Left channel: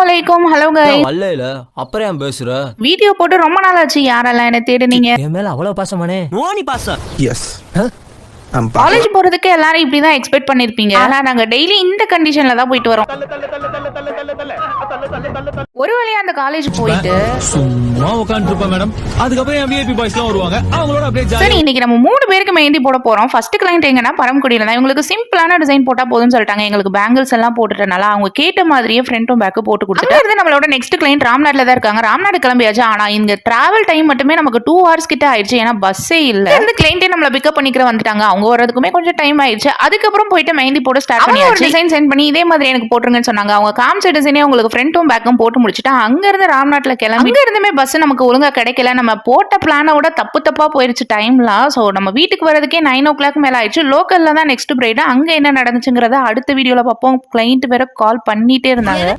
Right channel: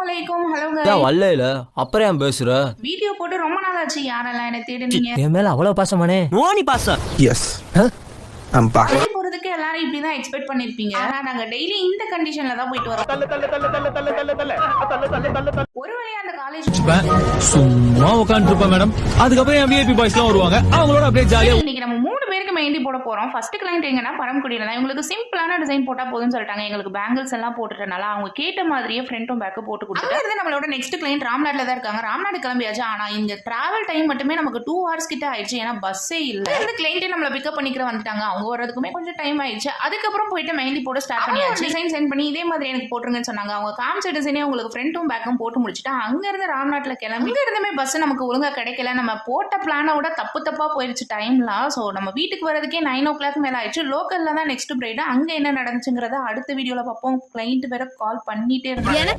அஸ்ஸலாமுஅலைக்கும். Hello ஏன் guys. வரல அப்புறம் ஏன் பேசுற? வீடியோ போட்டு ரொம்ப நாள் ஆச்சு. யாரெல்லாம் என்ன தேடுனீங்க? என் மேல அவ்வளவு பாசமானே? நோனி பாசம். Yes. I'm back. காலேஜ் போறதுக்கு எல்லாரும் இப்படி தான் எக்ஸ்பெக்ட் பண்ணிருப்பீங்க. ஆனா நாங்க டெய்லி இந்த கண்டிஷன்ல தான் போயிட்டு வரோம். ஒரு வழியா அந்த காலேஜ் போயிட்டு சும்மா உட்கார்ந்து இருப்பேன் மேடம். அதுக்கப்புறம் என் விஐபி பாய்ஸ்லாம் வருவாங்க. அவங்களோட அப்படியே சரி, ஜாலியா இன்னைக்கு நம்ம 3 பேருக்கு மெஹந்தி போட போறோம். ஃபர்ஸ்ட் கிளைண்ட் எங்கன்னா பரமக்குடியில தான். இவங்களுக்கு சிம்பிளான டிசைன் போட்டா போதும்னு சொல்லிட்டாங்க. எங்களுக்கு பேங்கிள்ஸ் எல்லாம் போட்டுட்டனால அவங்க கேட்ட மாதிரியே ஃப்ரண்ட்டும் பேக்கும் போட்டு கொடுத்துட்டு நம்மளோட நெக்ஸ்ட் கிளைண்ட் ராம்நாட்ல தான் இருக்காங்க. ராம்நாடு கிளம்பியாச்சு. ஆனா இந்த டிராவல் டைம் மட்டுமே நமக்கு 2 hours கிட்ட ஆயிடுச்சு. ஏன்னா பஸ்ஸே இல்ல. இந்த கிளைண்டே நம்மள பிக்கப் பண்ணிக்கிற வந்துட்டாங்க. அவங்க வரதுக்குமே கொஞ்சம் டைம் ஆயிடுச்சு. அதுக்கப்புறம் போயிட்டு மெஹந்தி போட ஸ்டார்ட் பண்ணியாச்சு. டிசைன் சென்ட் பண்ணி இதே மாதிரி எனக்கு போட்டுருங்கன்னு சொன்னாங்க. அவங்க காமிச்ச டிசைனே உங்களுக்கு ஃப்ரண்ட்டும் பேக்கும் போட்டு முடிச்சுட்டு அங்க இருந்து ராம்நாட்ல கிளம்பி அங்க இருந்துமே பஸ் நமக்கு ஒழுங்கா கிடைக்கல. நம்ம போட்ட பிளானை விட தப்பா போயிருச்சு டைம்லாம். ஸோ நம்ம வீட்டுக்கு வரதுக்கே 9 o'clock மேல ஆயிடுச்சு. லோக்கல்ல தான் நெக்ஸ்ட் பிரைடு. அங்க என்ன நடந்துச்சுங்கிறத அடுத்த வீடியோல பார்ப்போம். கிளைண்ட் வேற கால் பண்ணிட்டே இருந்தாங்க.